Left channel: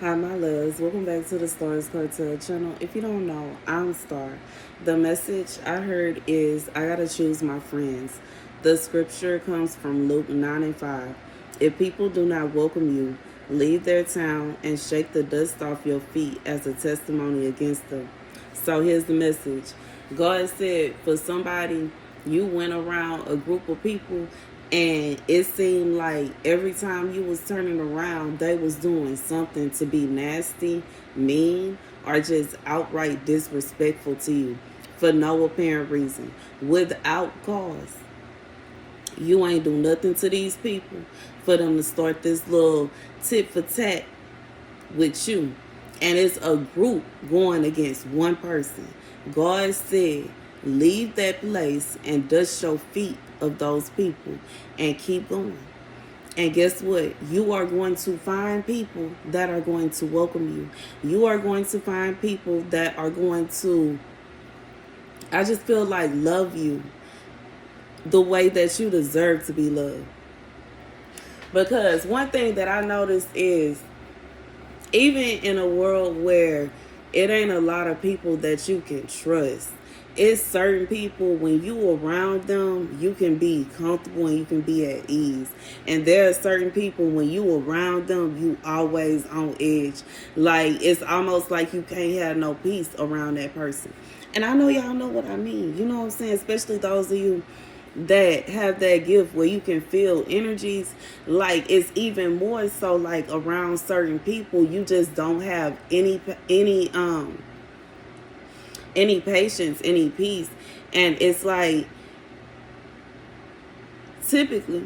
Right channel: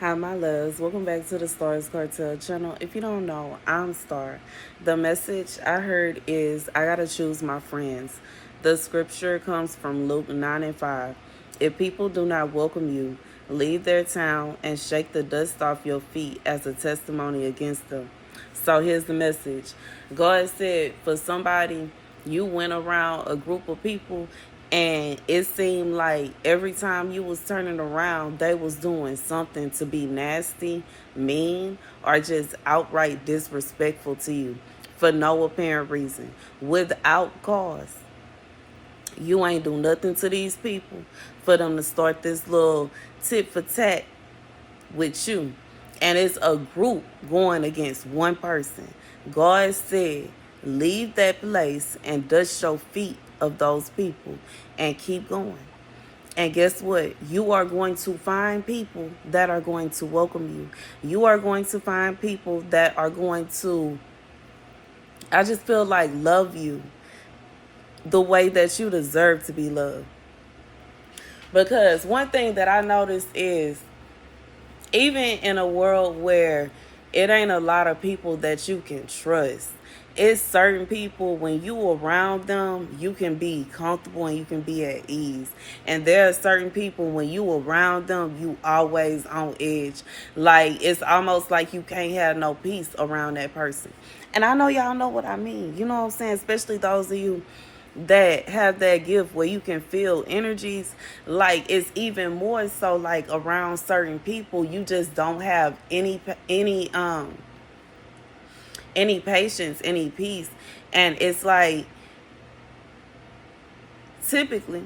Hi, my loves. Welcome back to the Starscartel channel. If you don't know, I'm Star. The message I heard is I gotta choose my friends. The scripture comes from Luke 9:5. If people do not welcome you, leave their town and shake the dust off your feet as a testimony against them. So here's the message. God said for somebody, you went around a group of people and it seemed like every time you was turning around, they was doing something to be nasty, mean, or just outright disrespectful to you for no apparent reason, without cause. You ain't do nothing to these people for them to start this little tit for tat with you. And it's a group going against one person. God said, leave that place and dust your feet of those people and keep going. And guess what? You are going to find people that are going to welcome you. You are going to find people that are going to, I just feel like, love you the way that you deserve to be loved. Because one thing that I noticed is, even in a world where it ain't a lot of people that you can trust, it's certain people, when you around them, you can be comfortable and you can be at ease. And there are certain people, when you around them, you always on edge. Like, it's almost like you can't have no peace around that person. And I know y'all know what I mean. You know what I'm saying? Especially those of you that have that gift where you can feel energies. Like, it's even more so like around certain people, you just don't have any patience, any peace. And it's like, typically,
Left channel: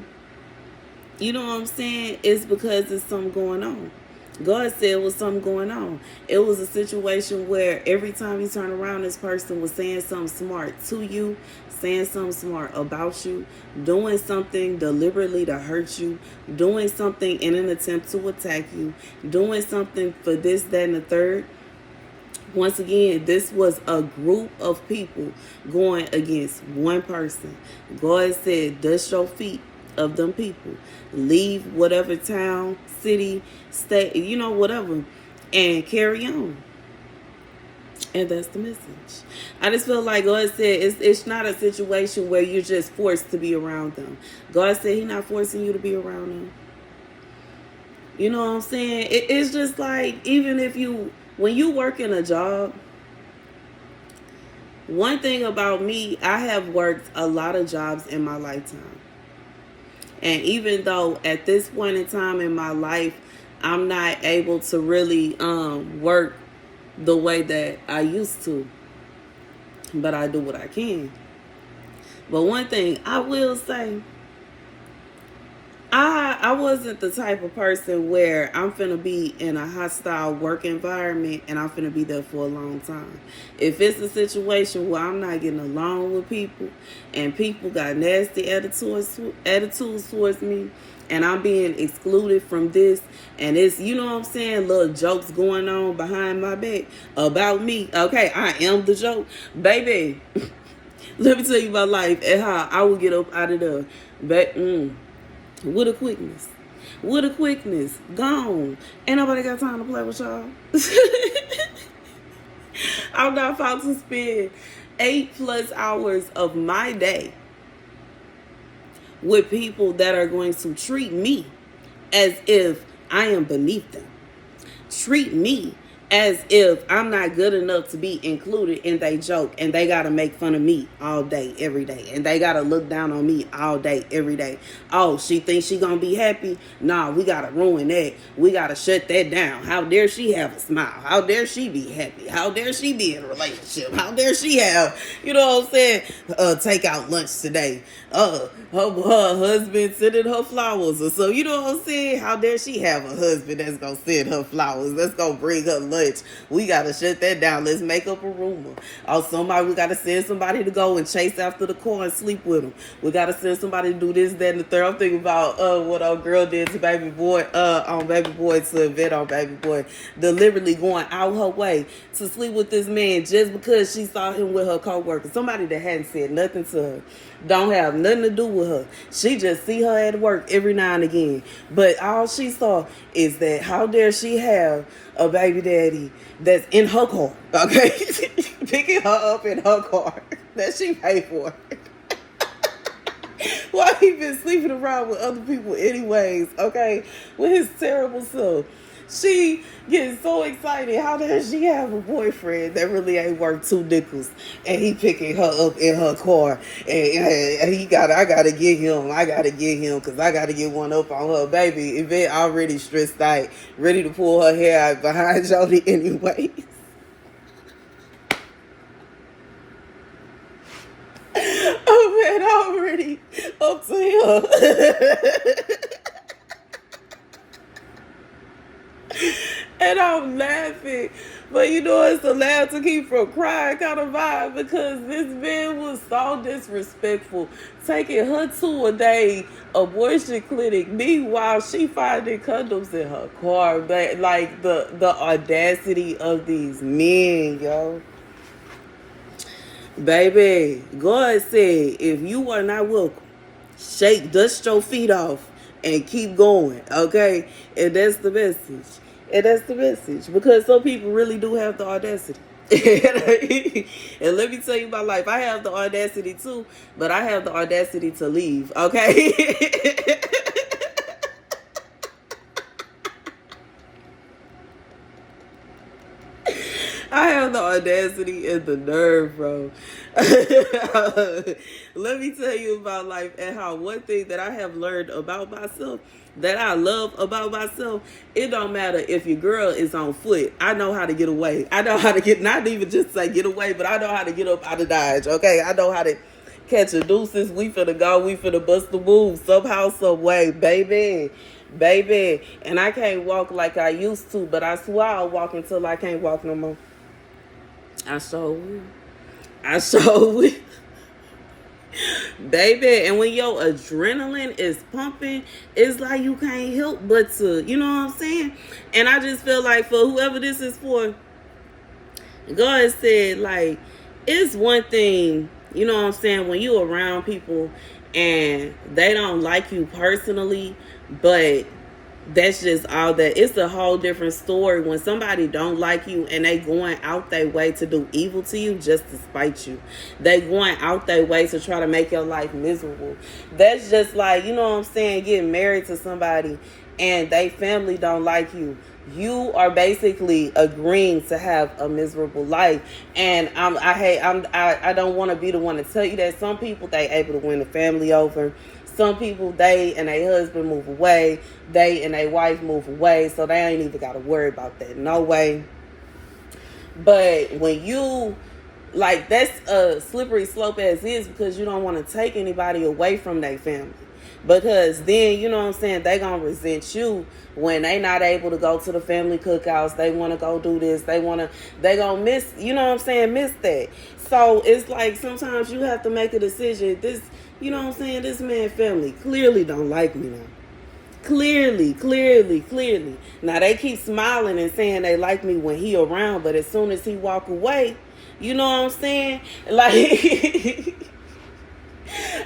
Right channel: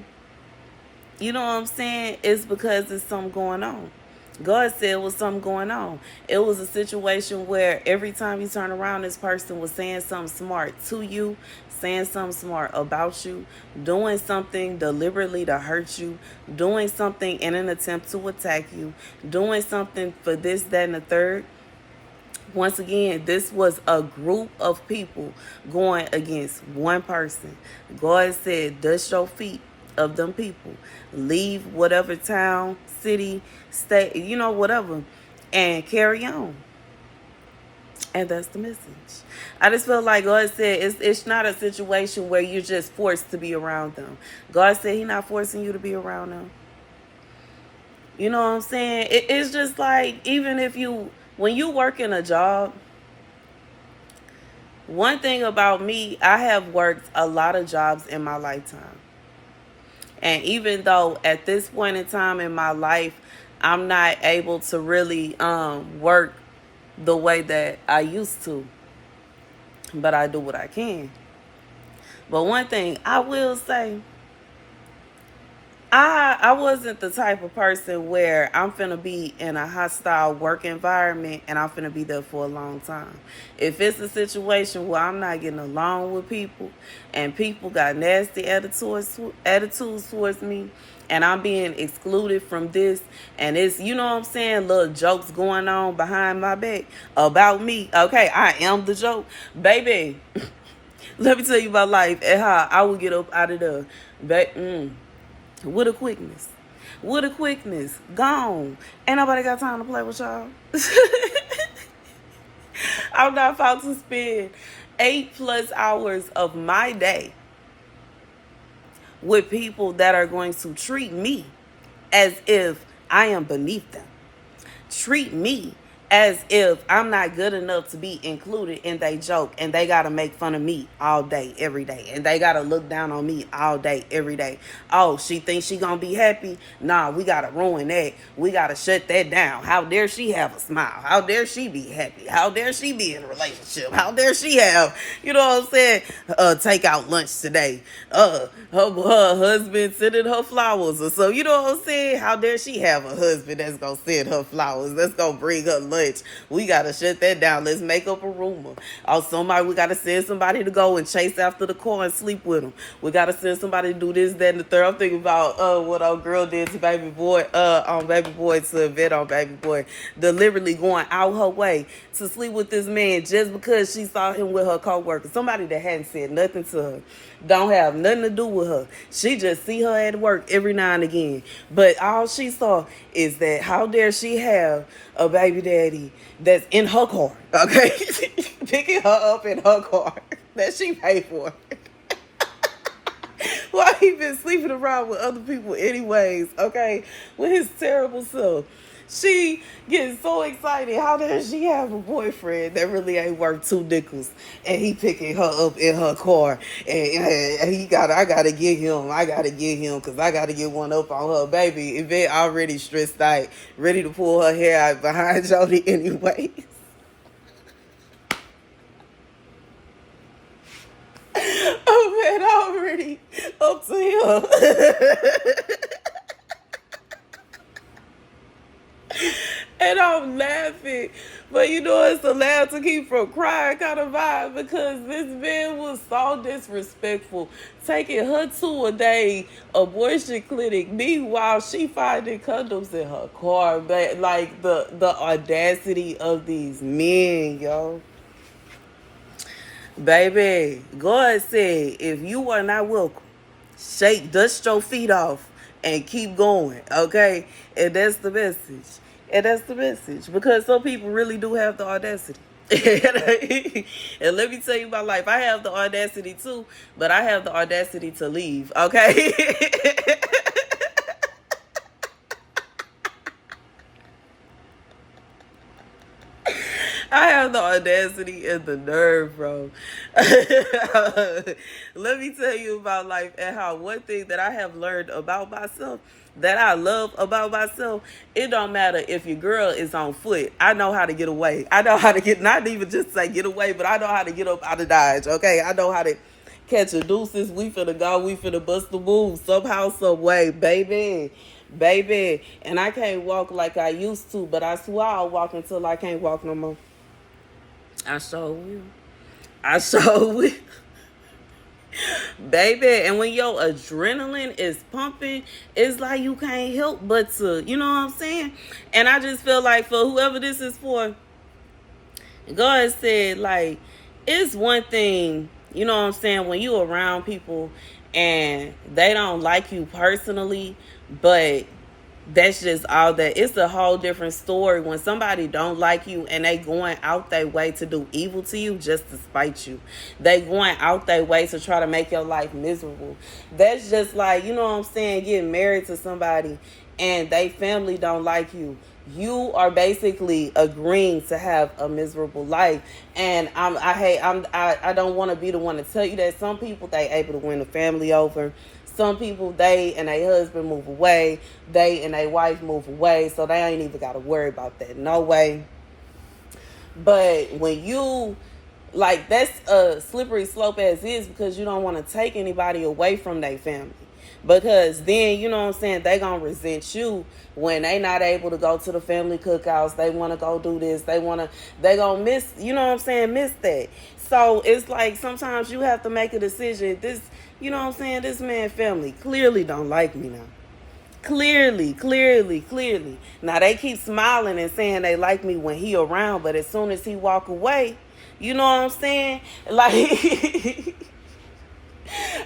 you know what I'm saying, it's because there's something going on. God said it was something going on. It was a situation where every time you turn around, this person was saying something smart to you, saying something smart about you, doing something deliberately to hurt you, doing something in an attempt to attack you, doing something for this, that, and the third. Once again, this was a group of people going against one person. God said, dust your feet of them people. Leave whatever town, city, state, whatever, and carry on. And that's the message. I just feel like God said it's not a situation where you're just forced to be around them. God said He's not forcing you to be around them. You know what I'm saying? It's just like, even if when you work in a job, one thing about me, I have worked a lot of jobs in my lifetime. And even though at this point in time in my life, I'm not able to really work the way that I used to, but I do what I can. But one thing I will say, I wasn't the type of person where I'm finna be in a hostile work environment and I'm finna be there for a long time. If it's a situation where I'm not getting along with people and people got nasty attitudes towards me, and I'm being excluded from this, and it's, you know what I'm saying, little jokes going on behind my back about me. Okay, I am the joke. Baby, let me tell you about life and how I will get up out of there. With a quickness. With a quickness. Gone. Ain't nobody got time to play with y'all. I'm not about to spend 8+ hours of my day with people that are going to treat me as if I am beneath them. Treat me as if I'm not good enough to be included in their joke, and they gotta make fun of me all day, every day, and they gotta look down on me all day, every day. Oh, she thinks she gonna be happy? Nah, we gotta ruin that. We gotta shut that down. How dare she have a smile? How dare she be happy? How dare she be in a relationship? How dare she have, you know what I'm saying, take out lunch today? Her husband sending her flowers or so, you know what I'm saying? How dare she have a husband that's gonna send her flowers? Let's go bring her lunch. We gotta shut that down. Let's make up a rumor. Oh, we gotta send somebody to go and chase after the car and sleep with him. We gotta send somebody to do this, that, and the third. I'm thinking about what our girl did to baby boy, to vet on baby boy, deliberately going out her way to sleep with this man just because she saw him with her coworker, somebody that hadn't said nothing to her. don't have nothing to do with her. She just see her at work every now and again. But all she saw is that how dare she have a baby daddy that's in her car, okay? Picking her up in her car that she paid for. Why he been sleeping around with other people anyways, okay? With his terrible self. She gets so excited. How does she have a boyfriend that really ain't worth 2 nickels? And he picking her up in her car. And I gotta get him because I gotta get one up on her. Baby, Yvette already stressed out, ready to pull her hair out behind Jody anyways. Oh man, already up to him. And I'm laughing. But you know, it's a laugh to keep from crying kind of vibe, because this man was so disrespectful, taking her to a day abortion clinic. Meanwhile, she finding condoms in her car. But like the audacity of these men, yo. Baby, God said, if you are not welcome, dust your feet off and keep going, okay? And that's the message. Because some people really do have the audacity. And let me tell you my life. I have the audacity too, but I have the audacity to leave, okay? I have the audacity and the nerve, bro. Let me tell you about life and how one thing that I have learned about myself, that I love about myself, it don't matter if your girl is on foot. I know how to get away. I know how to get, not even just say get away, but I know how to get up out of Dodge, okay? I know how to catch a deuces. We finna go. We finna bust the move somehow, some way, baby. And I can't walk like I used to, but I swear I'll walk until I can't walk no more. I sure will. Baby, and when your adrenaline is pumping, it's like you can't help but to, you know what I'm saying? And I just feel like for whoever this is for, God said, like, it's one thing, you know what I'm saying, when you around people and they don't like you personally, but that's just all that. It's a whole different story when somebody don't like you and they going out their way to do evil to you just to spite you. They going out their way to try to make your life miserable. That's just like, you know what I'm saying, getting married to somebody and they family don't like you. You are basically agreeing to have a miserable life. And I don't want to be the one to tell you that some people, they able to win the family over. Some people, they and their husband move away. They and their wife move away. So they ain't even got to worry about that. No way. But when you, like, that's a slippery slope as is, because you don't want to take anybody away from their family. Because then, you know what I'm saying, they going to resent you when they not able to go to the family cookouts. They want to go do this. They going to miss, you know what I'm saying, miss that. So it's like sometimes you have to make a decision. This, you know what I'm saying, this man family clearly don't like me now. Clearly. Now they keep smiling and saying they like me when he around, but as soon as he walk away, you know what I'm saying? Like,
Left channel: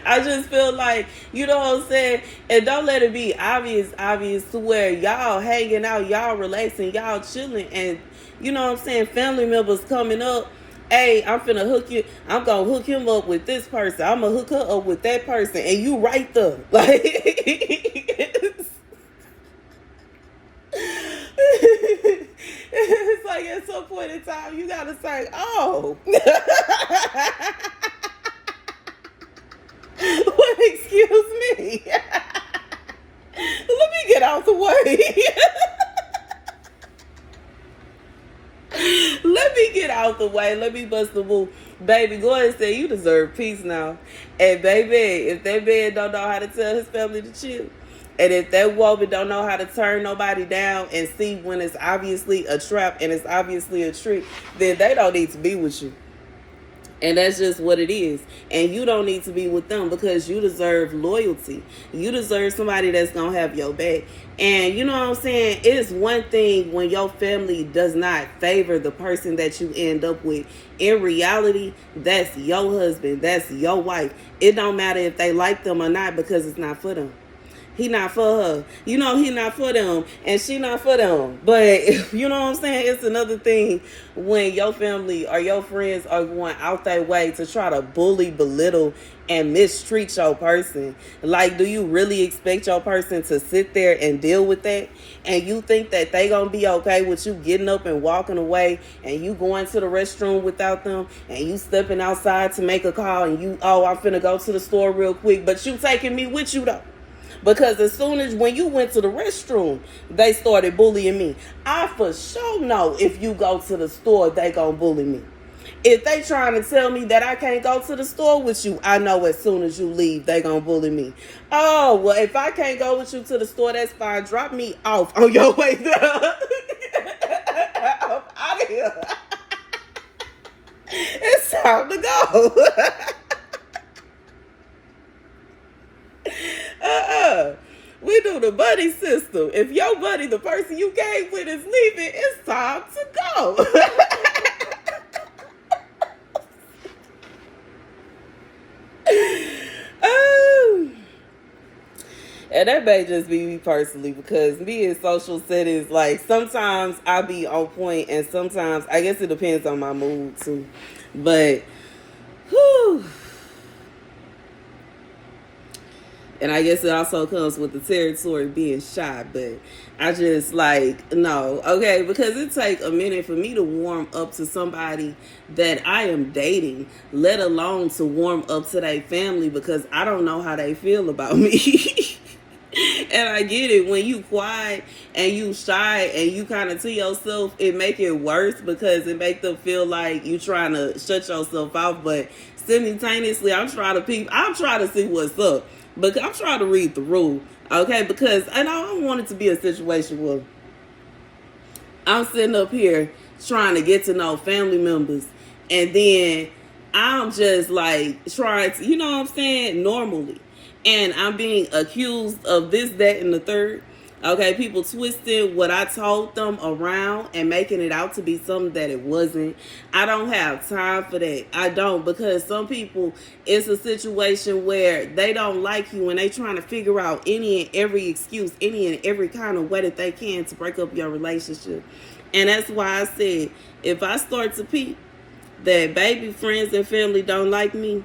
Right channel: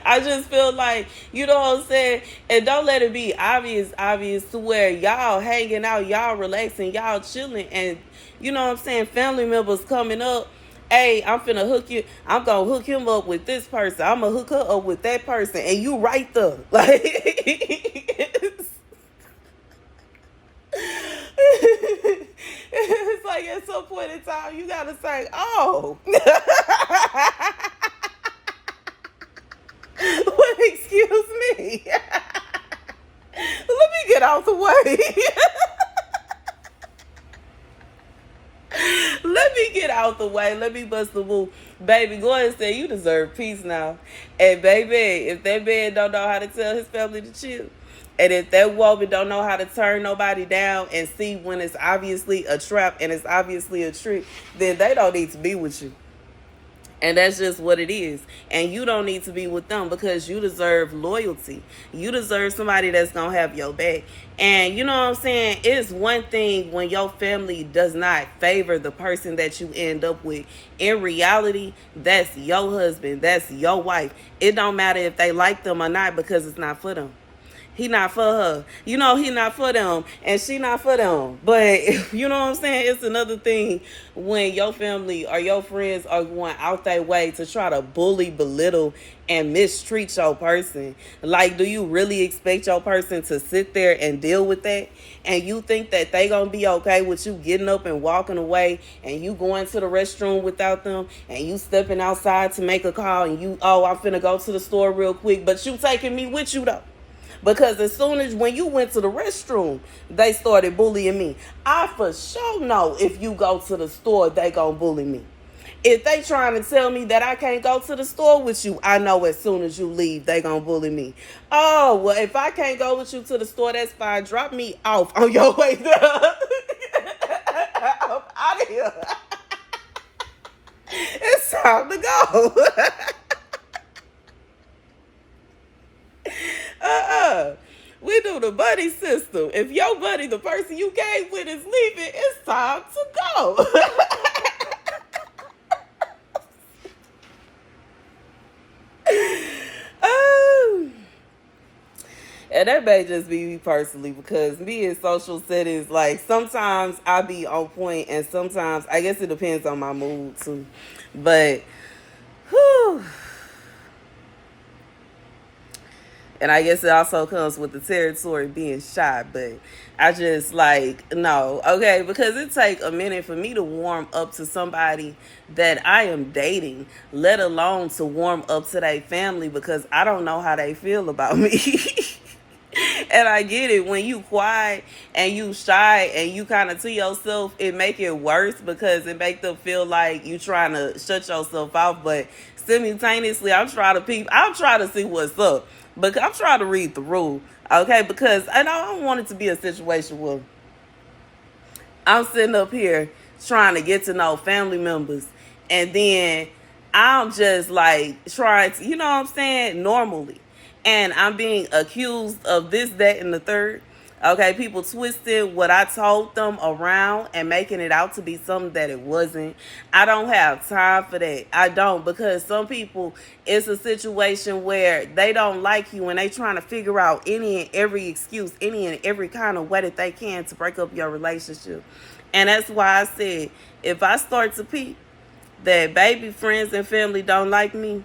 I just feel like, you know what I'm saying? And don't let it be obvious to where y'all hanging out, y'all relaxing, y'all chilling, and you know what I'm saying, family members coming up. Hey, I'm gonna hook him up with this person. I'm gonna hook her up with that person. And you right there. Like, it's like at some point in time, you gotta say, oh. Well, excuse me. Let me get out the way. Let me get out the way. Let me bust the move. Baby, go ahead and say you deserve peace now. And baby, if that man don't know how to tell his family to chill, and if that woman don't know how to turn nobody down and see when it's obviously a trap and it's obviously a trick, then they don't need to be with you. And that's just what it is. And you don't need to be with them because you deserve loyalty. You deserve somebody that's going to have your back. And you know what I'm saying? It's one thing when your family does not favor the person that you end up with. In reality, that's your husband. That's your wife. It don't matter if they like them or not because it's not for them. He not for her. You know, he not for them. And she not for them. But, you know what I'm saying? It's another thing when your family or your friends are going out their way to try to bully, belittle, and mistreat your person. Like, do you really expect your person to sit there and deal with that? And you think that they gonna be okay with you getting up and walking away and you going to the restroom without them and you stepping outside to make a call and you, oh, I'm finna go to the store real quick, but you taking me with you though? Because as soon as when you went to the restroom, they started bullying me. I for sure know if you go to the store, they gonna bully me. If they trying to tell me that I can't go to the store with you, I know as soon as you leave, they gonna bully me. Oh, well, if I can't go with you to the store, that's fine. Drop me off on your way there. I'm out of here. It's time to go. We do the buddy system. If your buddy, the person you came with, is leaving, it's time to go. And that may just be me personally, because me in social settings, like sometimes I be on point and sometimes I guess it depends on my mood too. But whew. And I guess it also comes with the territory being shy. But I just like, no, okay, because it take a minute for me to warm up to somebody that I am dating, let alone to warm up to their family, because I don't know how they feel about me. And I get it, when you quiet and you shy and you kind of to yourself, it make it worse because it make them feel like you trying to shut yourself off. But simultaneously, I'm trying to see what's up. But I'm trying to read the rule, okay? Because I don't want it to be a situation where I'm sitting up here trying to get to know family members, and then I'm just like trying to, you know what I'm saying, normally. And I'm being accused of this, that, and the third. Okay, people twisted what I told them around and making it out to be something that it wasn't. I don't have time for that. I don't, because some people, it's a situation where they don't like you and they trying to figure out any and every excuse, any and every kind of way that they can to break up your relationship. And that's why I said, if I start to peep that baby friends and family don't like me,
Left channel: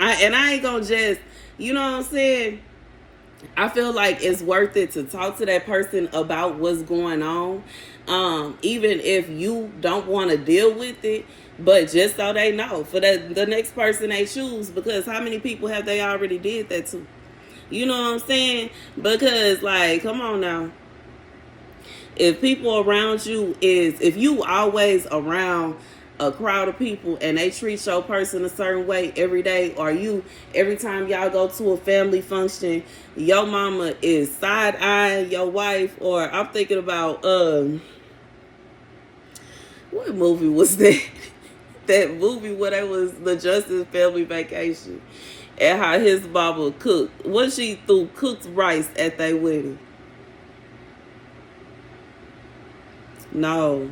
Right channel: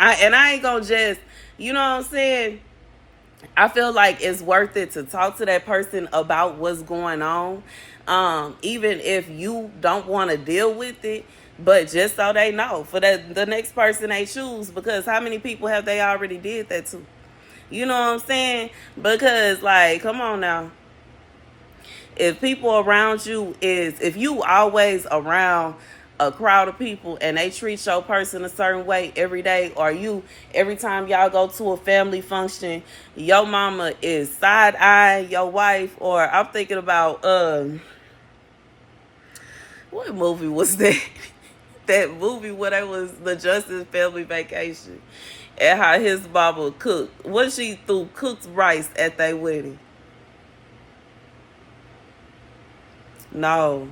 I ain't gonna just, you know what I'm saying? I feel like it's worth it to talk to that person about what's going on, even if you don't want to deal with it, but just so they know for the next person they choose, because how many people have they already did that to? You know what I'm saying? Because, like, come on now. If people around you if you always around a crowd of people and they treat your person a certain way every day, or you, every time y'all go to a family function, your mama is side-eyeing your wife, or I'm thinking about, what movie was that? That movie where that was the Justice Family Vacation, and how his mama cooked, what she threw cooked rice at their wedding. No.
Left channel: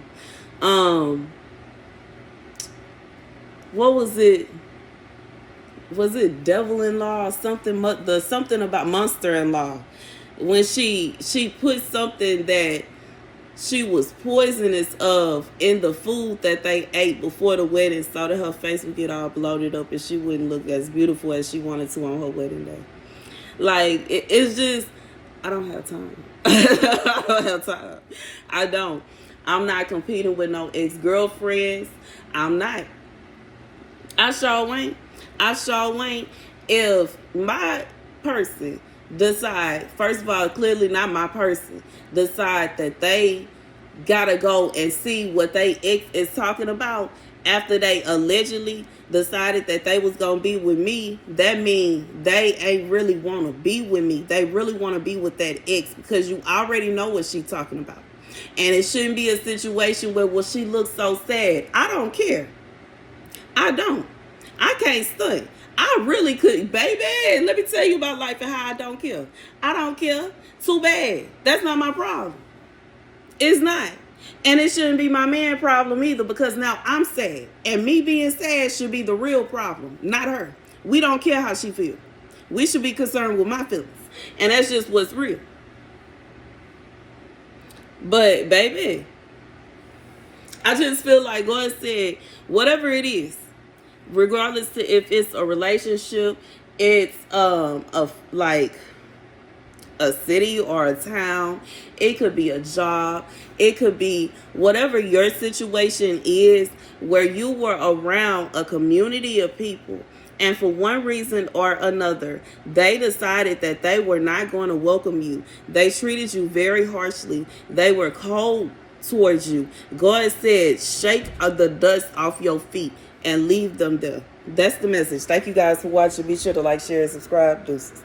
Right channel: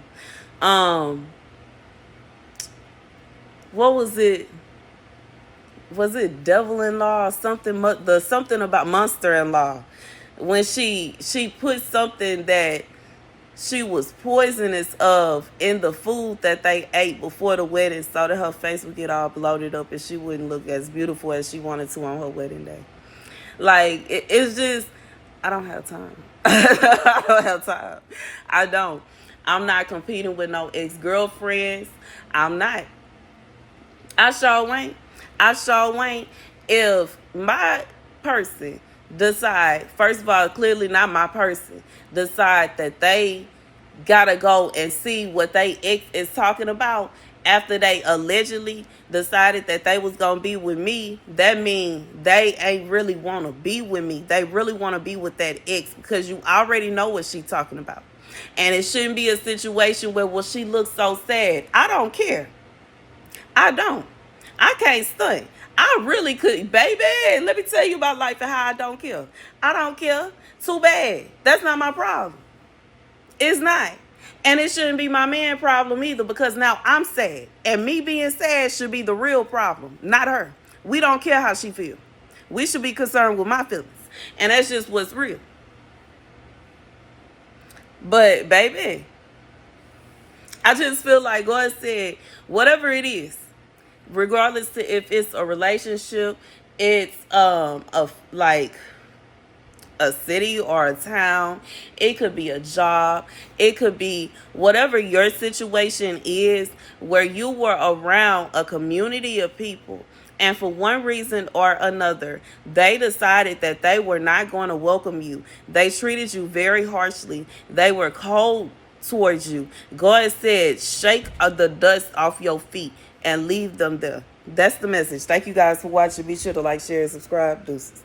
What was it? Was it Devil-in-Law or something? Something about Monster-in-Law. When she put something that she was poisonous of in the food that they ate before the wedding, so that her face would get all bloated up and she wouldn't look as beautiful as she wanted to on her wedding day. Like, it's just, I don't have time. I don't have time. I don't. I'm not competing with no ex-girlfriends. I'm not. I sure ain't. If my person decide, first of all, clearly not my person, decide that they gotta go and see what they ex is talking about after they allegedly decided that they was gonna be with me, that means they ain't really wanna be with me. They really wanna be with that ex, because you already know what she talking about. And it shouldn't be a situation where, well, she looks so sad. I don't care. I don't. I can't stunt. I really could, baby. Let me tell you about life and how I don't care. I don't care. Too bad. That's not my problem. It's not. And it shouldn't be my man problem either, because now I'm sad. And me being sad should be the real problem, not her. We don't care how she feels. We should be concerned with my feelings. And that's just what's real. But, baby, I just feel like God said, whatever it is, regardless to if it's a relationship, it's like a city or a town, it could be a job, it could be whatever your situation is, where you were around a community of people, and for one reason or another, they decided that they were not going to welcome you. They treated you very harshly. They were cold towards you. God said, shake the dust off your feet and leave them there. That's the message. Thank you guys for watching. Be sure to like, share, and subscribe. Deuces.